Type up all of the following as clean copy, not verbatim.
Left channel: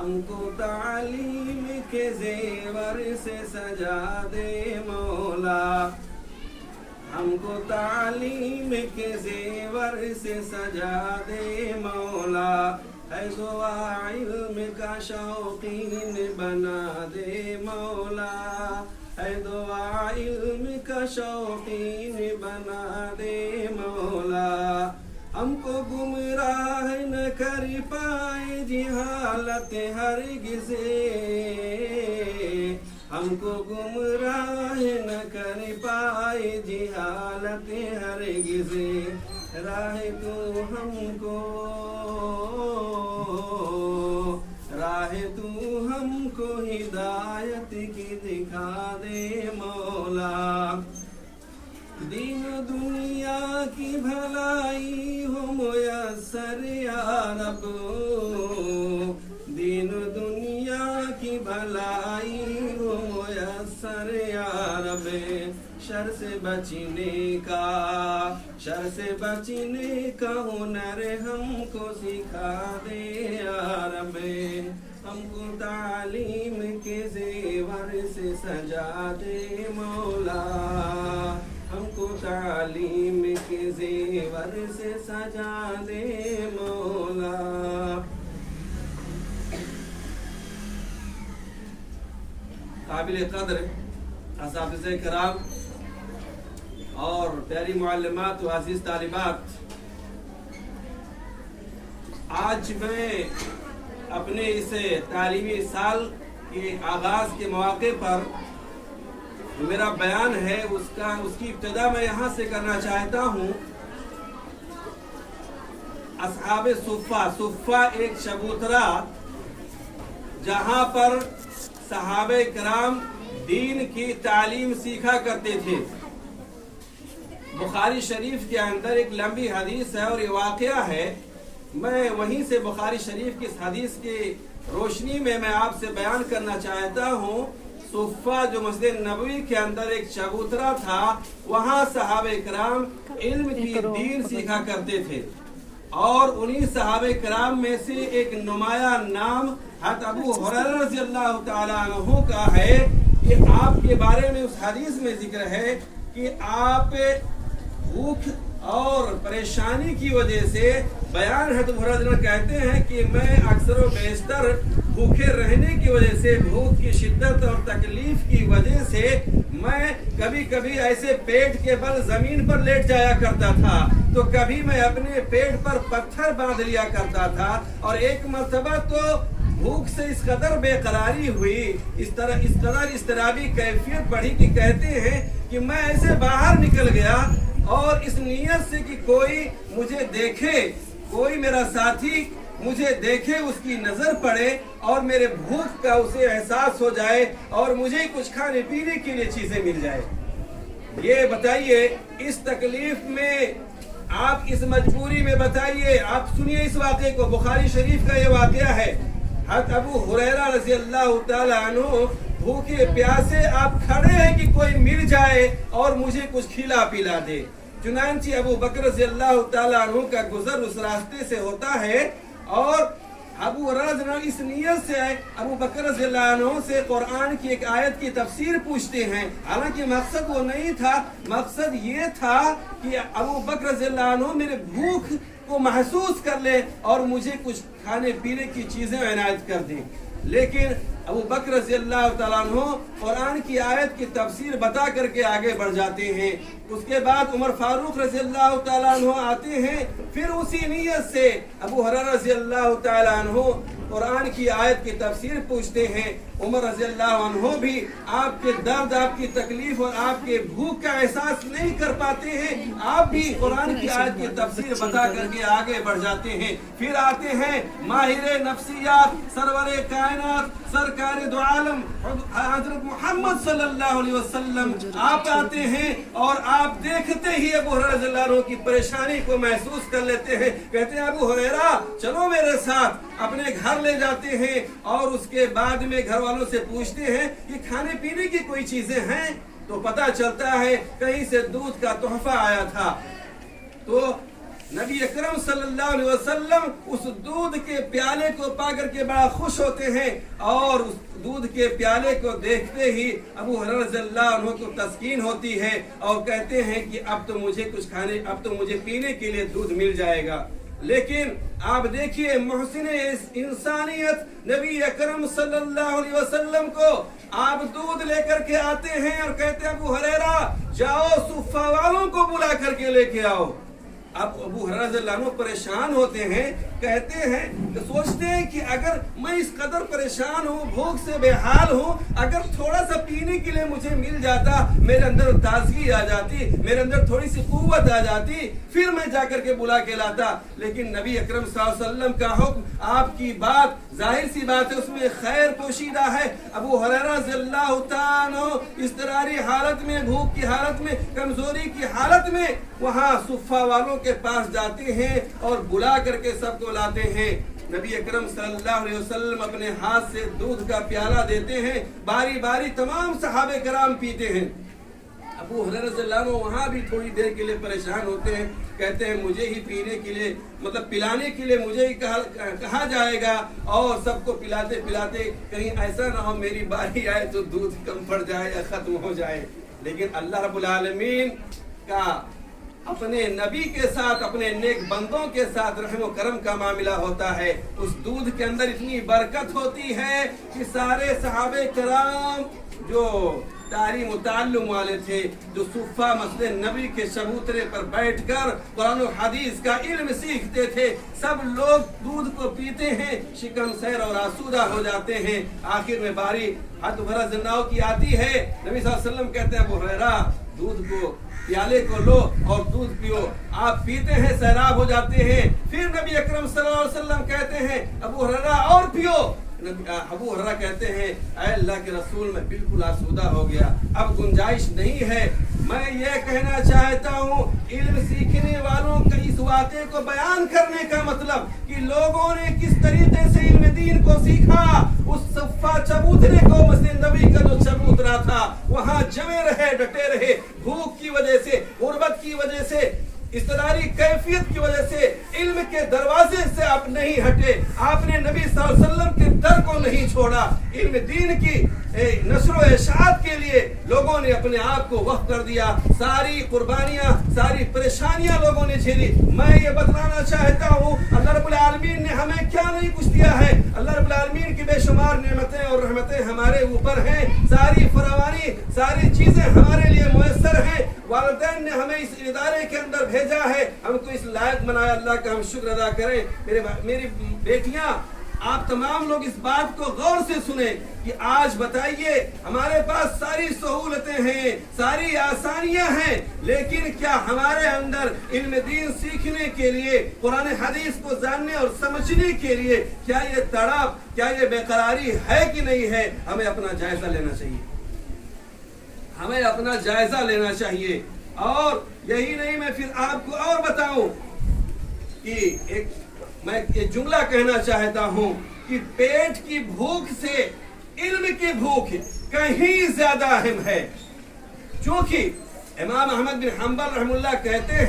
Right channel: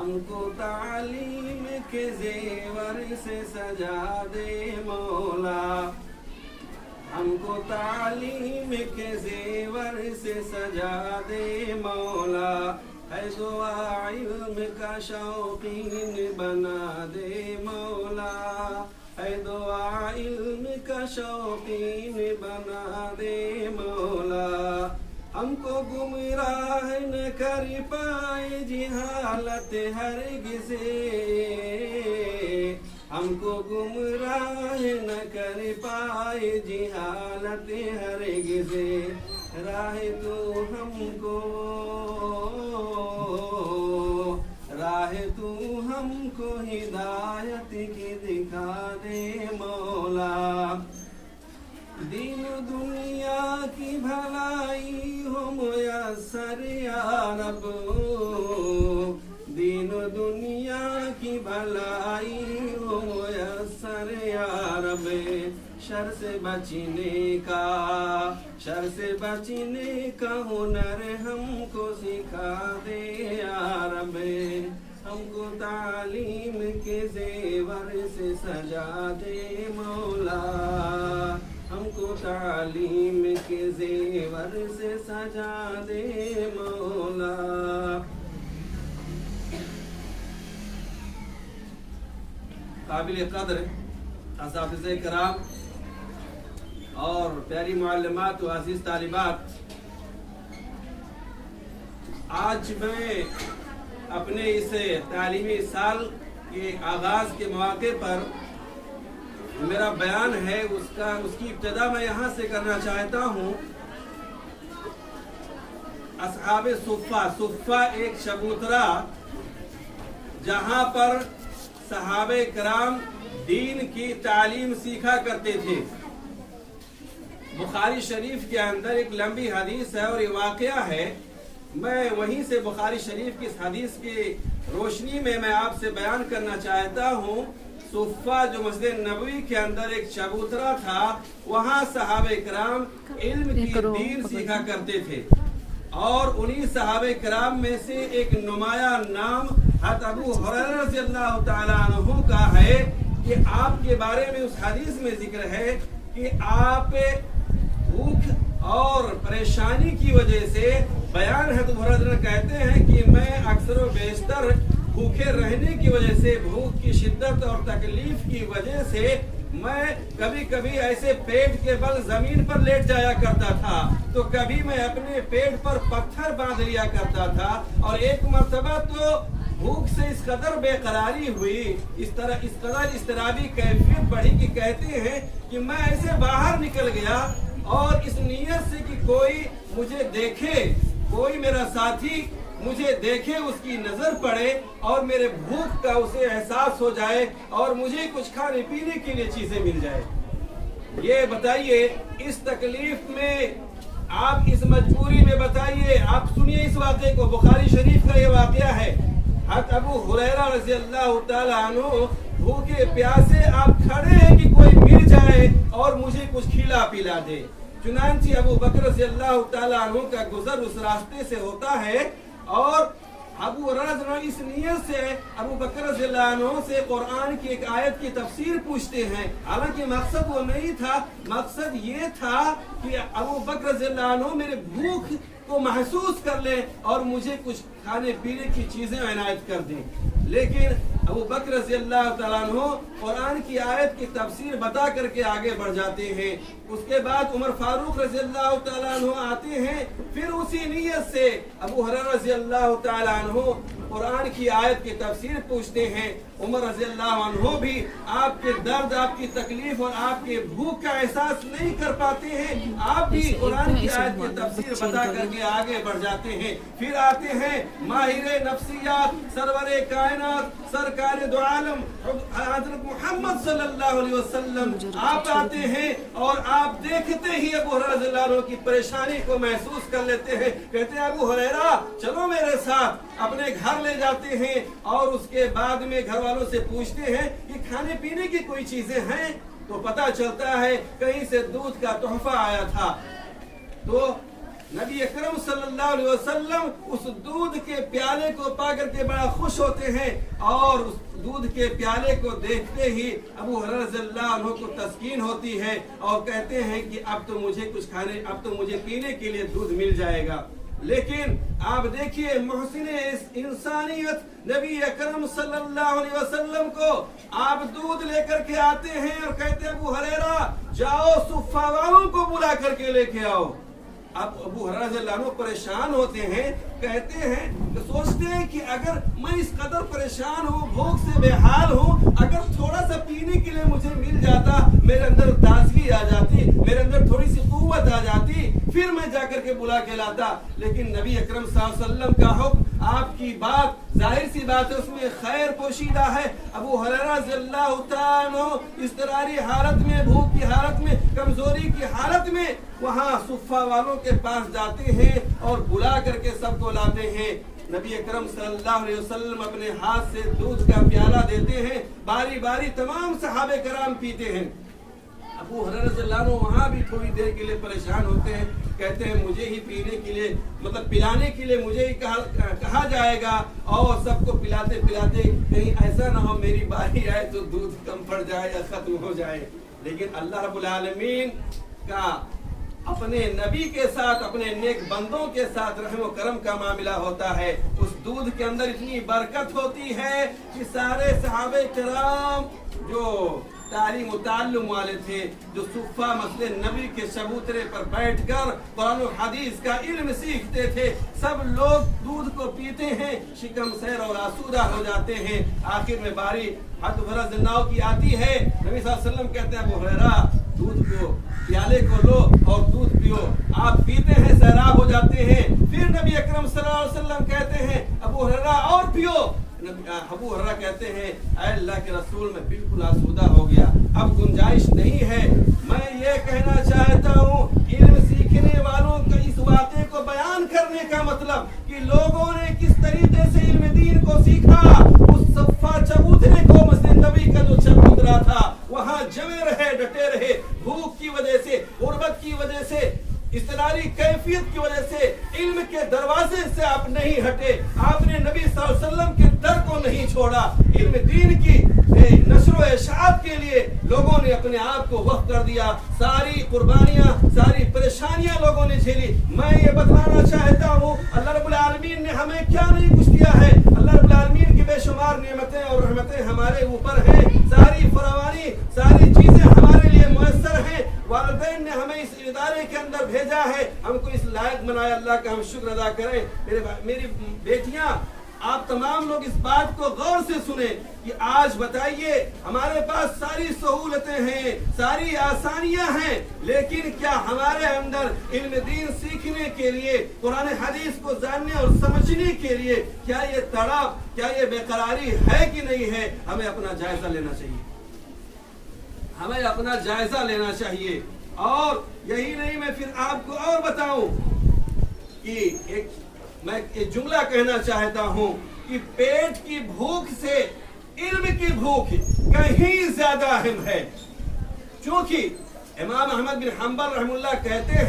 ہم کو تعلیم کے زیور سے سجا دے مولا، ہم کو تعلیم کے زیور سے سجا دے مولا، ہے دعا علم کا شوقین بنا دے مولا، ہے دعا علم کا شوقین بنا دے مولا، ہم کو گمراہ نہ کر پائے جہالت ہرگز، ہم کو گمراہ نہ کر پائے جہالت ہرگز، راہ تو ہم کو ہدایت کی دکھا دے مولا، دین دنیا کی بھلائی ہو میسر یا رب، دین دنیا کی بھلائی ہو میسر یا رب، شر سے بچنے کا ہنر ہم کو سکھا دے یا رب، ہم کو تعلیم کے زیور سے سجا دے مولا، ہم کو تعلیم کے زیور سے سجا دے مولا۔ قابل قدر اساتذہ کرام اور پیاری معلمات و عزیز طالبات، آج میں اپنے اس تعلیمی سال کے آغاز کے مواقع پر میرا بیان ہے، اس کی ابتدا میں یہاں سے کرنا چاہتا ہوں۔ اصحاب صفہ ایک چبوترا جہاں پر صحابہ کرام دین کی تعلیم سیکھا کرتے تھے۔ بخاری شریف کے اندر ایک لمبی حدیث ہے اور یہ واقعہ ہے، میں وہیں سے بخاری شریف کی اس حدیث کی روشنی میں آپ سے بیان کرنا چاہتا ہوں۔ صفہ جو مسجد نبوی کے اندر ایک چبوترا تھا، وہاں صحابہ کرام علم کی دین سیکھا کرتے تھے، اور انہی صحابہ کرام میں سے ایک نمایاں نام حضرت ابو ہریرہ رضی اللہ تعالیٰ عنہ کا ہے کہ آپ کے بارے میں اس حدیث میں ذکر ہے کہ آپ بھوک اور پریشانی کی وجہ سے، بیان ہے تو حضرت کہتے ہیں کہ میں اکثر و بیشتر بھوکے رہنے کی وجہ سے، بھوک کی شدت اور تکلیف کی وجہ سے میں کبھی کبھی ایسے پیٹ کے بل زمین پر لیٹ جایا کرتا تھا، تو کبھی میں اپنے پیٹ پر پتھر باندھ لیا کرتا تھا، اور ایک مرتبہ تو بھوک سے اس قدر بے قراری ہوئی، اس طرح اضطرابی کیفیت بڑھی کہ کہتے ہیں کہ میں ایسے باہر نکل گیا اور اس نیت سے کہ کوئی مجھے دیکھے، کوئی میرا ساتھی مجھے دیکھے، اس کی نظر پڑے اور میرے بھوک کا اسے احساس ہو جائے اور مجھے کچھ کھانے پینے کے لیے چیزیں مل جائے۔ یہ بتائیے اس تکلیف میں، آپ اس مجبوری میں بتائیے، آپ سنیے اس واقعے کو، بخاری شریف کا یہ واقعہ ہے۔ حضرت ابو ہریرہ رضی اللہ تعالیٰ عنہ بھوکے پیاسے آپ کھڑے ہیں کہ کوئی مل جائے اور مجھے کچھ کھلا پلا دے۔ چنانچہ ابو بکر رضی اللہ تعالیٰ عنہ کا گزر اس راستے سے ہوتا ہے، اور ابو ہریرہ اس نیت سے ابو بکر رضی اللہ عنہ سے قرآن کی ایک آیت کی تفسیر پوچھتے ہیں، حالانکہ مقصد وہ نہیں تھا، مقصد یہ تھا کہ ابو بکر رضی اللہ عنہ میرے بھوک کو محسوس کر لے اور مجھے کچھ کھانے پینے کی چیزیں عنایت کر دیں۔ لیکن ابو بکر رضی اللہ تعالیٰ عنہ قرآن کی آیت کی تفسیر بتا کر کے آگے بڑھ جاتے ہیں۔ اس کے بعد عمر فاروق رضی اللہ تعالیٰ عنہ آتے ہیں، پھر اسی نیت سے ابو ہریرہ رضی اللہ تعالیٰ عنہ قرآن کی آیت کی تفسیر پوچھتے ہیں۔ عمر رضی اللہ عنہ بھی آپ کے درد، آپ کی تکلیف اور آپ کے بھوک کا احساس نہیں کر پاتے ہیں، آپ بھی قرآن کی آیت کی تفسیر بتا کر کے آگے بڑھ جاتے ہیں۔ پھر آتے ہیں ماہر نفسیات، سرور کائنات، سرکار دو عالم حضرت محمد صلی اللہ علیہ وسلم، آپ آتے ہیں اور آپ دیکھتے ہی ابو ہریرہ رضی اللہ عنہ کی پریشانی کو محسوس کر لیتے ہیں، کہتے ہیں ابو ہریرہ چلو میرے ساتھ، اپنے گھر لے جاتے ہیں، اور اس کے بعد میں گھر والوں سے پوچھتے ہیں کہ کھانے پینے کی کوئی چیزیں ہیں، تو پتہ چلتا ہے کہیں سے دودھ کا تحفہ آیا تھا۔ تو नबी अकरम सल्लल्लाहु अलैहि वसल्लम उस दूध के प्याले को पा करके बड़ा खुश होते हैं और उस दूध के प्याले को देखते ही अबू हुरैरा रज़ियल्लाहु अन्हु को तस्कीन होती है और कहते हैं कि अब तो मुझे पीने के लिए दूध मिल जाएगा। लेकिन आप देखिए मोहसिने इंसानियत नबी अकरम सल्लल्लाहु अलैहि वसल्लम को आप दूध लेकर के आते हैं और कहते हैं अबू हुरैरा जाओ सुफ़ा वालों को बुला करके लेके आओ। अब अबू हुरैरा रज़ियल्लाहु अन्हु परेशान होते हैं, कहते हैं तो सोचते हैं कि अगर मैं इस कदर परेशान हूँ, भूख से बेहाल हूँ, अगर थोड़ा सा पीने के लिए मुझे मिल जाता, मेरे अंदर ताजगी आ जाती, मेरे अंदर थोड़ी सी कुव्वत आ जाती, फिर मैं जाकर के बुला के लाता। लेकिन नबी अकरम सल्लल्लाहु अलैहि वसल्लम का हुक्म, आपकी बात जाहिर सी बात है उसमें खैर पोशीदा है। अबू हुरैरा रज़ियल्लाहु तआला अन्हु इज़्तिरारी हालत में, भूख की हालत में, कमजोरी की हालत में वहाँ सुफ़ा वालों के पास जाते हैं और बुला करके सबको लाते हैं। नबी अकरम सल्लल्लाहु अलैहि वसल्लम अपने हाथ से दूध का प्याला देते हैं, बारी बारी तमाम सहाबे कराम पीते हैं। अबू हुरैरा रज़ियल्लाहु अन्हु वहाँ भी थोड़ी देर के लिए परेशान होते हैं, कहते हैं मुझे ही पीने के लिए मतलब पिलाने के लिए मुझे ही कहा जाएगा और सबको पिलाते पिलाते कहीं ऐसा ना हो मेरी बारी आए तो दूध कम पड़ जाए या खत्म हो जाए। लेकिन अल्लाह रब्बुल आलमीन का अपने नबी के साथ, अपने नेक बंदों के साथ रहम व करम का मामला होता है। उस दूध के अंदर इतनी बरकत होती है कि सारे सहाबे कराम जो तालीम ताल्लुम वाले थे, जो सुफ़ा मस्जिद नबी के चबूतरे पर बैठकर कुरान और हदीस का इल्म सीखते थे, सब लोग दूध को पीते हैं, शिकम सैर और आसूदा हो जाते हैं। आखिर में बारी हज़रत हुरैरा ज़िन्नाह की आती है। नबी सल्लल्लाहु अलैहि वसल्लम कहते हैं अबू हुरैरा दूध को प्याले को लो और दूध पियो। आप पीते हैं, सैराब हो जाते हैं। फिर नबी अकरम सल्लल्लाहु अलैहि वसल्लम कहते हैं अबू हुरैरा और पियो। अबू हुरैरा कहते हैं ऐ अल्लाह के रसूल मैं बिल्कुल आसूदा हो गया, अब गुंजाइश नहीं है। मैं ये कहना चाहता हूँ इल्म सीखने वालों का इस वाक़े को बयान करने का मतलब कि लोगों ने किस तरीके से इल्म दीन को सीखा। उस सफ़ा चबूतरे को मस्जिद नबी का जो चबूतरा था वहाँ जमे रहे, डटे रहे, भूख की वजह से, गुर्बत की वजह से, इस्तरारी कैफियत की वजह से इल्म के दरवाजे से आप नहीं हटे। आपने नबी सल्लल्लाहु अलैहि वसल्लम के दर को नहीं छोड़ा। इल्म दीन की नशर इशाअत के लिए लोगों ने अपने आप को वक्फ कर दिया। सारी कुर्बानियां, सारी परेशानियां लोगों ने झेली। मैं ये बतलाना चाहता हूँ अल्लाह रब्बुल आलमीन ने हमें क्या नहीं कुछ दिया है। अल्लाह रब्बुल आलमीन की बेशुमार नेमतें और रहमतें हमारे ऊपर हैं। सारी फरावानी, सारी चीजें हमारे लिए मुयस्सर हैं। वालिदैन ने हमें इस इदारे के अंदर भेजा है, हमको इस लायक बनाया। अल्लाह का हम शुक्र अदा करें। मेरी बेटियां, आप तमाम लोग इस बात को गौर से सुने कि आज बताइए हमारे पास सारी सहूलतें हैं, सारी आसानियां हैं, लेकिन क्या हमारे अंदर इल्म दीन सीखने के लिए, कुरान हदीस को जानने और समझने के लिए क्या ये तड़प, क्या ये बेकरारी है कि नहीं है? हमें अपना जायजा लेना चाहिए, हमें अपना जायजा लेना चाहिए। और यही नहीं, मैं फिर आपको और बताऊं कि मैं एक जुमला कहना चाहता हूं कि पेट की भूख से इल्म की भूख कहीं ज्यादा अहम है। क्योंकि इमाम अहमद बिन हंबल रहमुल्लाह कहते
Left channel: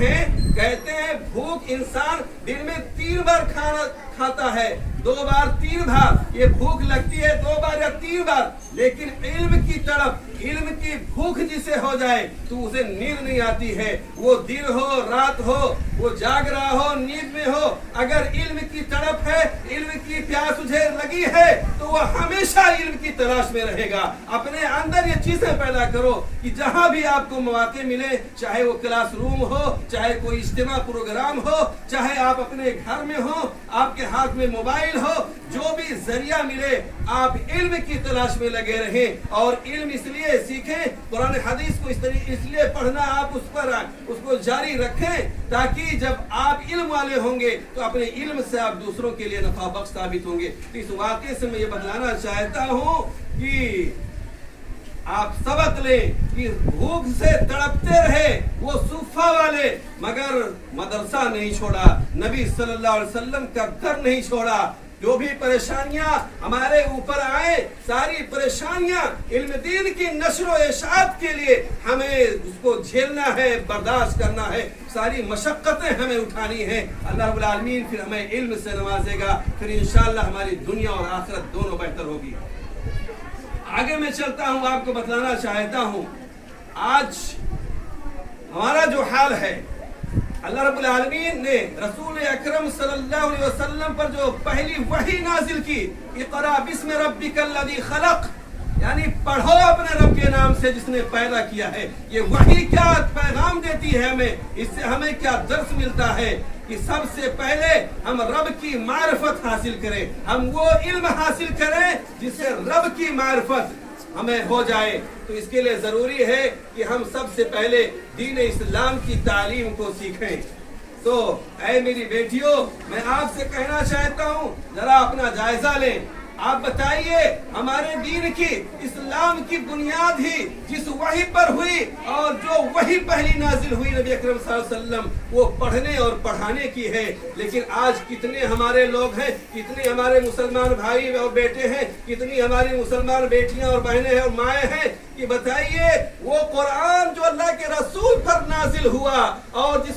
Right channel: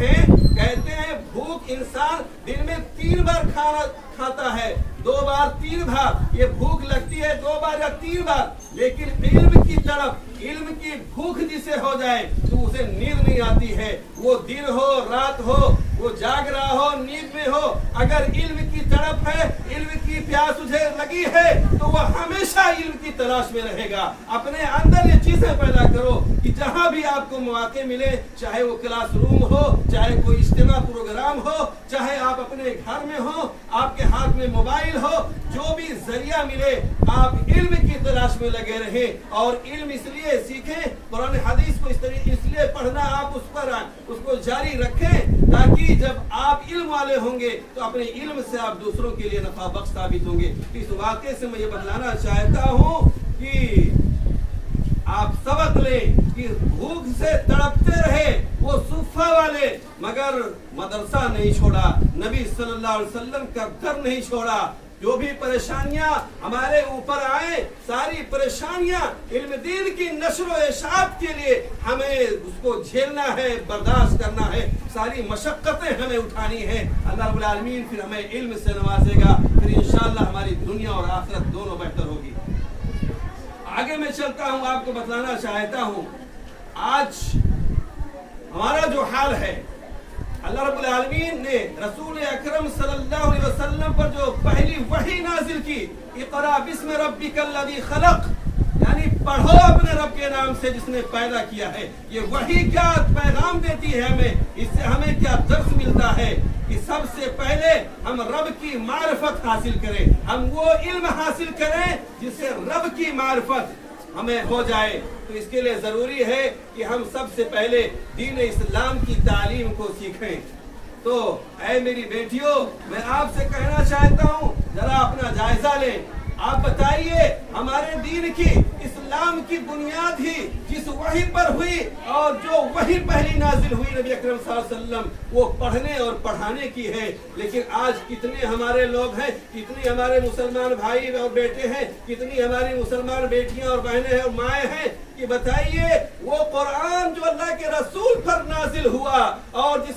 हैं भूख इंसान दिन में 3 बार खाना खाता है, 2 बार 3 बार ये भूख लगती है, 2 बार या 3 बार। लेकिन इल्म की तड़प, इल्म की भूख जिसे हो जाए तो उसे नींद नहीं आती है। वो दिन हो रात हो, वो जाग रहा हो, नींद में हो, अगर इल्म की तड़प है, इल्म की प्यास उसे लगी है तो वह हमेशा इल्म की तलाश में रहेगा। अपने अंदर ये चीजें पैदा करो कि जहां भी आपको मौके मिले, चाहे वो क्लासरूम हो, चाहे कोई इज्तिमा प्रोग्राम हो, चाहे आप अपने घर में हो, आपके हाथ में मोबाइल हो, जो भी जरिया मिले आप इल्म की तलाश में लगे रहें। और इल्म इसलिए सीखें, कुरान हदीस को इसलिए पढ़ना आप उसको जारी रखें ताकि जब आप इल्म वाले होंगे तो अपने इल्म से आप दूसरों के लिए नफा बख्श साबित होंगे। इस वाक़े से मैं ये बतलाना चाहता हूँ कि आप सबक लें कि भूख से तड़पते रहे वो सुफ़ा वाले, मगर मदरसा नहीं छोड़ा, नबी सल्लल्लाहु अलैहि वसल्लम का दर नहीं छोड़ा। जो भी परेशानियां हमारे ऊपर आए, सारी परेशानियां इल्म दीन की नश्र व इशाअत के लिए हमें उसको झेलना है, बर्दाश्त करना है, सारी मशक्कतें हमें उठानी है। अल्लाह रब्बुल आलमीन फिर हमें इल्म से नवाजेगा, फिर इंशाअल्लाह हमारी दुनिया और आखिरत दोनों बेहतर होगी। आगे मैं चलता हूँ, आपको बतलाना चाहता हूँ आज हमारा जो हाल है, अल्लाह रब्बुल आलमीन ने रसूल अकरम सल्लल्लाहु अलैहि वसल्लम पर जो पहली वही नाजिल की, इक़रा बिस्मि रब्बिकल्लज़ी खलक़, यानी पढ़ो अपने रब के नाम से जिसने पैदा किया है। ये वही क्या पैगाम देती है हमें, इससे हमें क्या दर्स मिलता है कि सबसे पहले हम रब की मारिफत हासिल करें, हम वो इल्म हासिल करें जिससे रब की मारिफत हमें हो जाए। तो इसके लिए जरूरी है कि हम सबसे पहले दीन इस्लाम की तालीम को सीखें। तो ऐ मेरी बेटियों, मैं आपसे कहना चाहता हूँ, जरा अपना जायजा लें। आप बताइए, हमारे दीन की, इस्लाम की बुनियाद ही जिस वही पर हुई और जो वही पहली नाजिल हुई नबी अकरम सल्लल्लाहु अलैहि वसल्लम, वो पढ़ने और पढ़ाने की है। लेकिन आज कितने हमारे लोग हैं, कितने हमारे मुसलमान भाई और बेटे हैं, कितनी हमारी मुसलमान बेटियां और बहनें हैं और माएँ हैं कि बताइए, वो कुरान जो अल्लाह के रसूल पर नाजिल हुआ और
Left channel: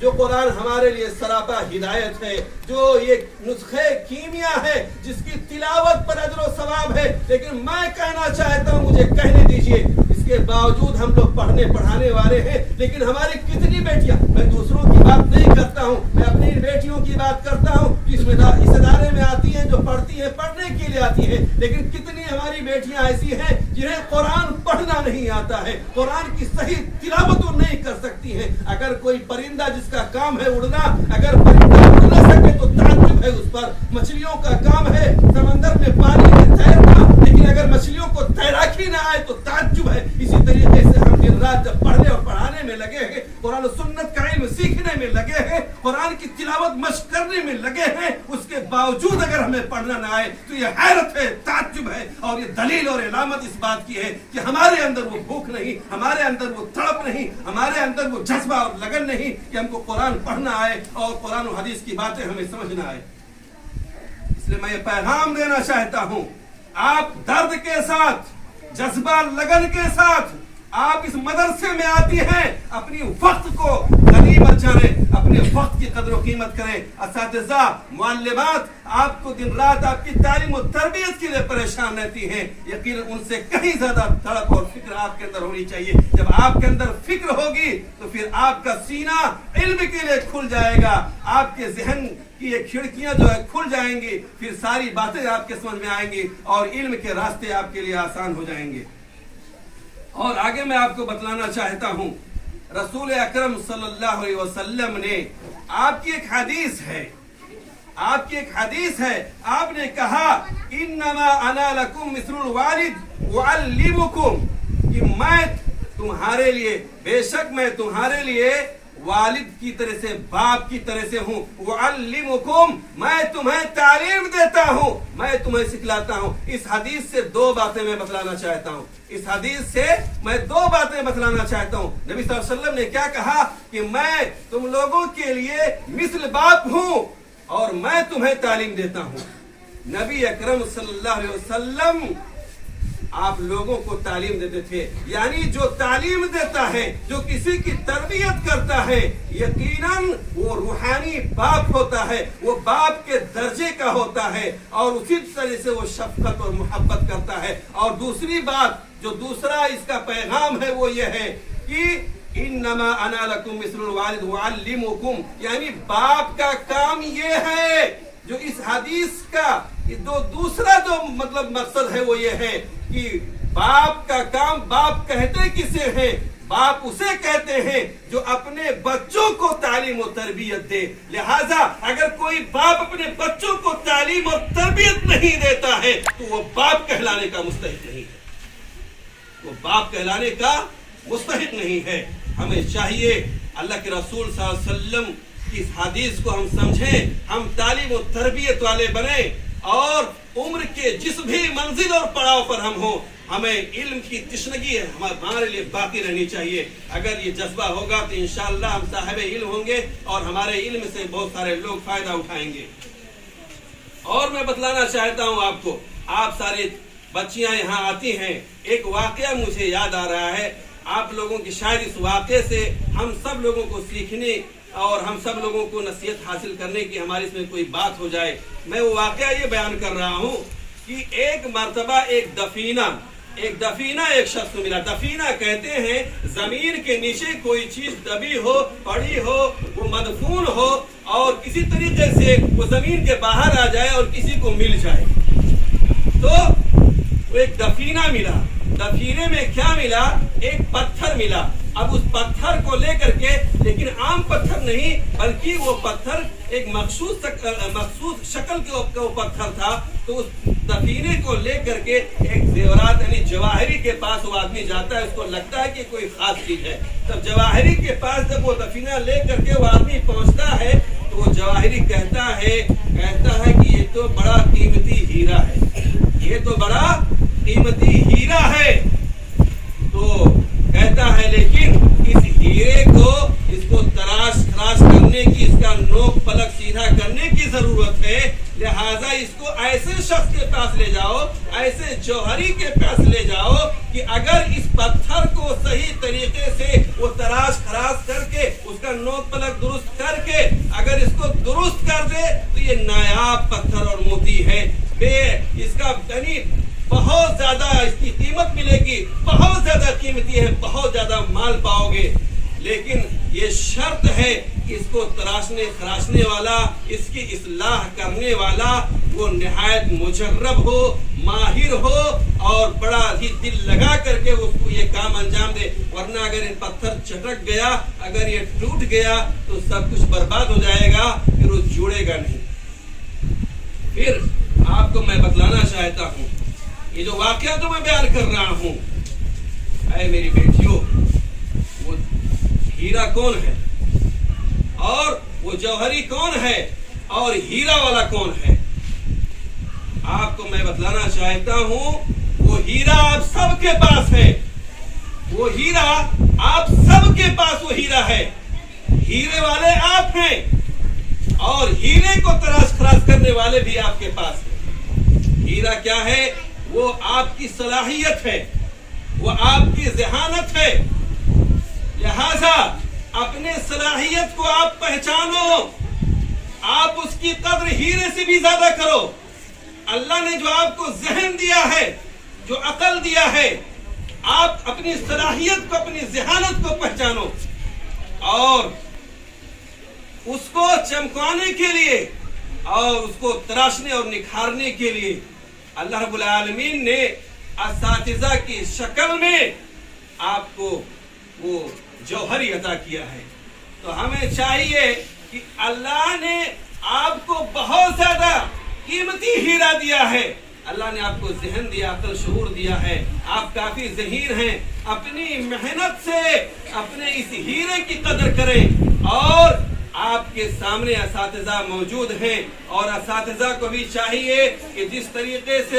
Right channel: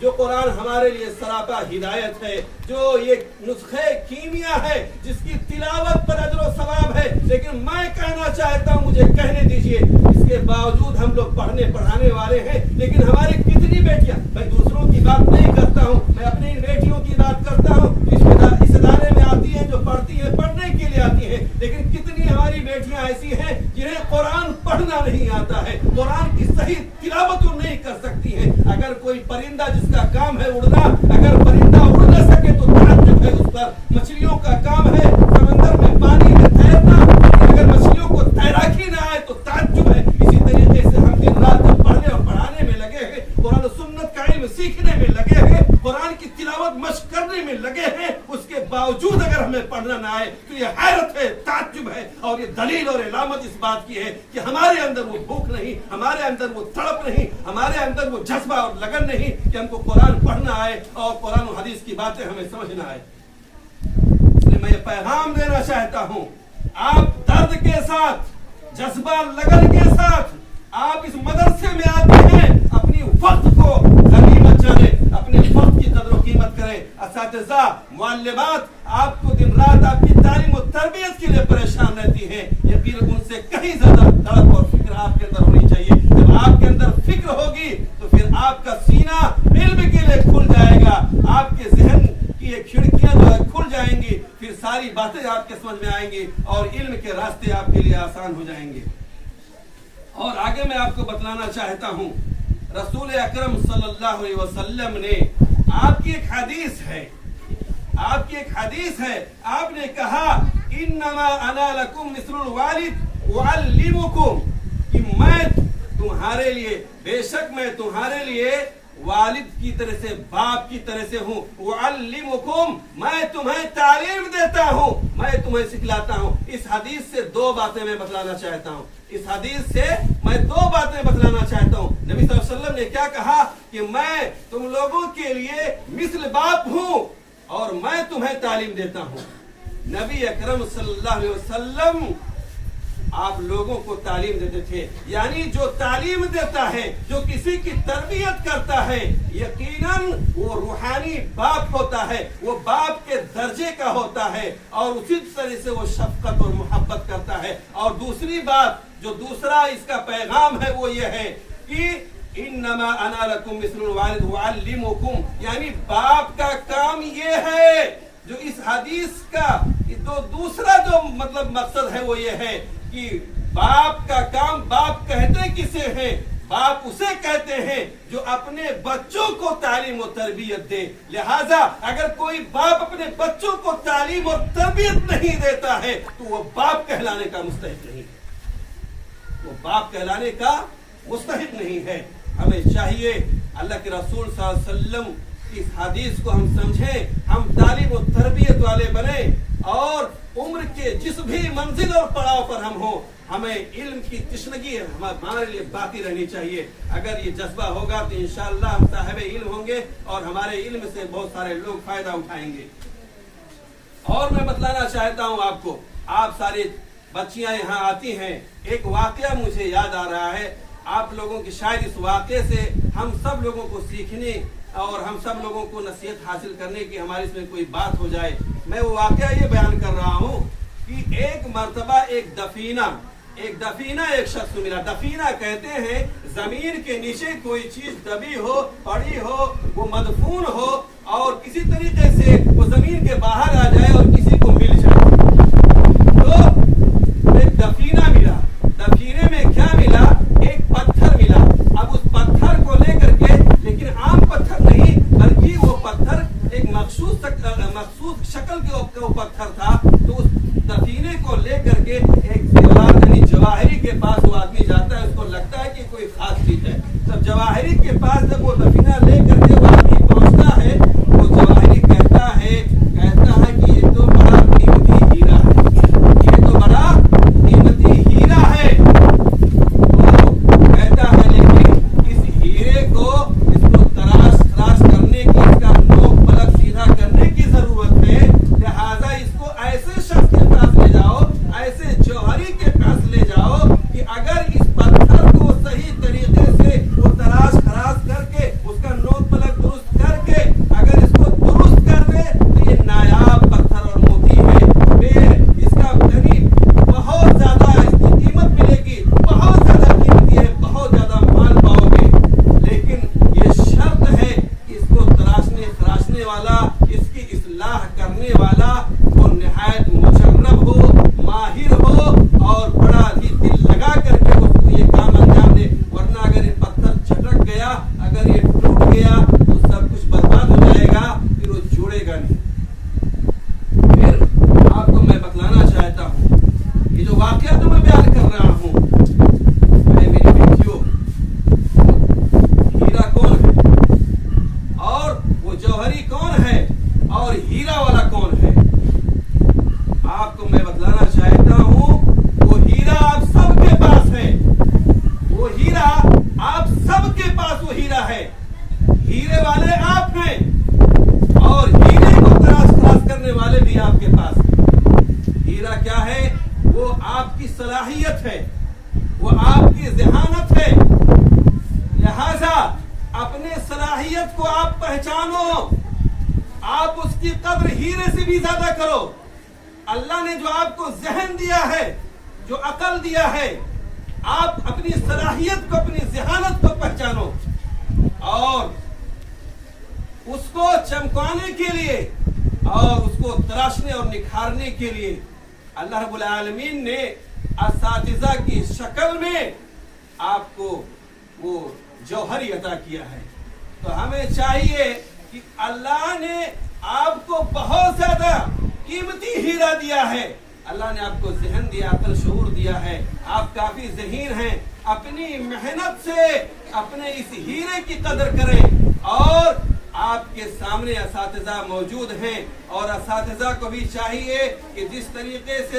जो कुरान हमारे लिए सरापा हिदायत है, जो ये नुस्खे कीमिया है, जिसकी तिलावत पर अजर व सवाब है, लेकिन मैं कहना चाहता हूँ, मुझे कहने दीजिए, इसके बावजूद हम लोग पढ़ने पढ़ाने वाले हैं, लेकिन हमारी कितनी बेटियां, मैं दूसरों की बात नहीं करता हूँ, मैं अपनी बेटियों की बात करता हूँ, इस इदारे में आती हैं, जो पढ़ती हैं, पढ़ने के लिए आती हैं, लेकिन कितनी हमारी बेटियां ऐसी हैं जिन्हें कुरान पढ़ना नहीं आता है, कुरान की सही तिलावत नहीं कर सकती हैं। अगर कोई परिंदा जिसका काम है उड़ना, अगर परिंदा उड़ न सके तो ताज्जुब है उस पर। मछलियों का काम है समंदर में पानी में तैरना, लेकिन अगर मछलियों को तैराकी ना आए तो ताज्जुब है। इसी तरीके से हम दिन रात जब पढ़ने और पढ़ाने में लगे हैं, कुरान और सुन्नत का इल्म सीखने में लगे हैं, कुरान की तिलावत मश्क करने में लगे हैं, उसके बावजूद अगर हमें पढ़ना ना आए तो ये हैरत है, ताज्जुब है। और ये दलील और इलामत इस बात की है कि हमारे अंदर वो भूख नहीं, हमारे अंदर वो तड़प नहीं, हमारे अंदर वो जज्बा और लगन नहीं कि हमको कुरान पढ़ना आए और कुरान और हदीस की बातें हमें समझना आए। इसलिए मैं ये पैगाम देना चाहता हूँ, आप दर्द के साथ, जज्बा लगन के साथ आप इस मदरसे में आते हैं, अपनी वक्त को गनी मत जाने, अपने वक्त की कदर और कीमत करें। असातिज़ा, मुअल्लिमात आपको दिन रात आपकी तालीम और तरबियत के लिए परेशान रहती हैं, यकीनन उनसे कहीं ज्यादा तड़प और फिक्र आपके अंदर होनी चाहिए। जब आपके अंदर फिक्र होगी तो फिर आपका सीना इल्म के लिए खुल जाएगा, आपके जहन की ये खिड़कियां जो है खुल जाएंगी, फिर सारी बातें आपके समझ में आएंगी और इल्म के रास्ते आपके लिए आसान हो जाएंगे। और आगे मैं आपको बतलाना चाहता हूं, रसूल अकरम सल्लल्लाहु अलैहि वसल्लम ने आपकी एक हदीस है, आपने कहा, इन्नमा अना लकुम मिस्लुल वालिद उअल्लिमुकुम, कि मैं तुम्हारे लिए, बेशक मैं तुम्हारे लिए वालिद की तरह से, बाप की तरह से हूँ। उअल्लिमुकुम, मैं तुम्हें तालीम देता हूँ, मैं तुम्हें सिखलाता हूँ। इस हदीस से दो बातें मैं बतलाना चाहता हूँ, इस हदीस से मैं दो बातें बतलाना चाहता हूँ। नबी सल्लल्लाहु अलैहि वसल्लम ने क्या कहा कि मैं तुम लोगों के लिए मिस्ल बाप हूँ और मैं तुम्हें तालीम देता हूँ। नबी अकरम सल्लल्लाहु अलैहि वसल्लम आप लोगों को तालीम देते थे, यानी जो तालीम देता है, जो किसी की तरबियत करता है, यकीनन वो रूहानी बाप होता है, वो बाप के दर्जे का होता है और उसी तरह से वो शफकत और मोहब्बत करता है। और दूसरी बात, जो दूसरा इसका पैगाम है, वो ये है कि इन्नमा अना लकुम मिस्लुल वालिद उअल्लिमुकुम, यानी बाप का काम ये है, जो इस हदीस का दूसरा जो मतलब मकसद है वो ये है कि बाप का काम, बाप कहते किसे हैं? बाप उसे कहते हैं जो अपने बच्चों को तालीम और तरबियत दे। लिहाजा अगर कोई बाप अपने बच्चों को तालीम और तरबियत नहीं देता है तो वो बाप कहलाने का मुस्तहिक नहीं है, वो बाप कहलाने का मुस्तहिक नहीं है। हमें चाहिए अल्लाह के रसूल सल्लल्लाहु अलैहि वसल्लम इस हदीस को हम समझें, हम तालीम और तरबियत वाले बने और उम्र के जिस भी मंजिल और पड़ाव पर हम हो, हमें इल्म की तिश्नगी हमारे लिए बाकी रहनी चाहिए। अगर ये जज्बा होगा तो इंशाअल्लाह हम साहिब इल्म होंगे और हमारे इल्म से बहुत सारे लोग फायदा उठाएंगे। اور میں بتلانا چاہتا ہوں آپ کو، آپ ساری بچیاں یہاں آتی ہیں، ایک واقعہ مجھے یاد آ رہا ہے، آپ لوگوں کی شاید اس واقعے سے ہم سب لوگوں کو سیکھنے اور ہم سب لوگوں کو نصیحت حاصل کرنے کی ہماری اس میں کوئی بات ہو جائے۔ میں وہ واقعہ یہ بیان کر رہا ہوں کہ ایک مرتبہ ایک دفینہ ایک شخص کو ملا۔ دفینہ کہتے ہیں زمین کے نیچے کوئی چیز دبی ہو، پڑی ہو، وہ مدفون ہو اور کسی طریقے سے وہ زمین کے باہر آ جائے اور کسی کو مل جائے۔ تو ایک دفینہ ملا، دفینے میں کیا ملا؟ ایک پتھر ملا۔ اب اس پتھر کو لے کر کے، لیکن عام پتھر نہیں بلکہ وہ پتھر ایک مخصوص شکل کے پتھر تھا۔ تو اس دفینے کو لے کر کے ایک زیورات یعنی جواہری کے پاس وہ آدمی جاتا ہے، اس کو لگتا ہے کہ کوئی خاص چیز ہے۔ جب جواہری کے پاس جب وہ دفینہ لے کر کے وہ آدمی پہنچتا ہے، وہ جواہری کہتا ہے کہ یہ تو بڑا قیمتی ہیرا ہے، یہ تو بڑا قیمتی ہیرا ہے۔ تو کہتا ہے لیکن اس ہیرے کو، اس کو تراش کرنے کی، اس کا نوک پلک سیدھا کرنے کی ضرورت ہے، لہذا اس کو ایسے شخص کے پاس لے جاؤ، ایسے جوہری کے پاس لے جاؤ کہ اگر اس پتھر کو صحیح طریقے سے وہ تراش خراش کر کے، اس کا نوک پلک درست کر کے اگر اس کو درست کر دے تو یہ نایاب پتھر اور موتی ہے، اس کا یعنی بہت زیادہ اس کی قیمت ملے گی، بہت زیادہ قیمتی ہے، بہت زیادہ مال پاؤ گے۔ لیکن یہ شرط ہے کہ اس کو تراشنے خراشنے والا، اس کی اصلاح کرنے والا وہ نہایت مجرب ہو، ماہر ہو اور بڑا ہی دل لگا کر کے اس کو یہ کام انجام دے، ورنہ اگر یہ پتھر چھٹک گیا، اگر یہ ٹوٹ گیا تو سب کچھ برباد ہو جائے گا، پھر وہ جڑے گا نہیں۔ پھر آپ کو میں بتلانا چاہتا ہوں، یہ جو واقعہ تو میں بیان کر رہا ہوں، اے میری بیٹیوں، ہیرا کون ہے اور وہ جوہری کون ہے اور ہیرا والا کون ہے؟ آپ کو میں بتلانا چاہتا ہوں، وہ ہیرا آپ سب کے پاس ہے، وہ ہیرا آپ سب کے پاس وہ ہیرا ہے، ہیرے والے آپ ہیں اور ہیرے کو تراش خراش کرنے والے بھی آپ کے پاس ہیں۔ ہیرا کیا ہے؟ وہ آپ کی صلاحیت ہے، وہ آپ کی ذہانت ہے، لہذا اپنے صلاحیت کو آپ پہچانو، آپ اس کی قدر ہیرے سے بھی زیادہ کرو۔ اللہ نے جو آپ کو ذہن دیا ہے، جو عقل دیا ہے، آپ اپنی صلاحیت کو، اپنی ذہانت کو پہچانو اور اس کو چمکانے کے لیے اور اس کو تراشنے اور نکھارنے کے لیے اللہ رب العالمین نے اساتذہ کی شکل میں آپ کو وہ جوہری عطا کیا ہے۔ تو ہمیں چاہیے کہ اللہ نے آپ کو بہت زیادہ قیمتی ہیرا دیا ہے، اللہ نے آپ کو ذہن دیا، عقل شعور دیا ہے، آپ کافی ذہین ہیں، اپنی محنت سے اپنے اس ہیرے کی قدر کریں۔ اور آپ کے سامنے اساتذہ موجود ہیں اور اساتذہ کو بھی چاہیے کہ جس طریقے سے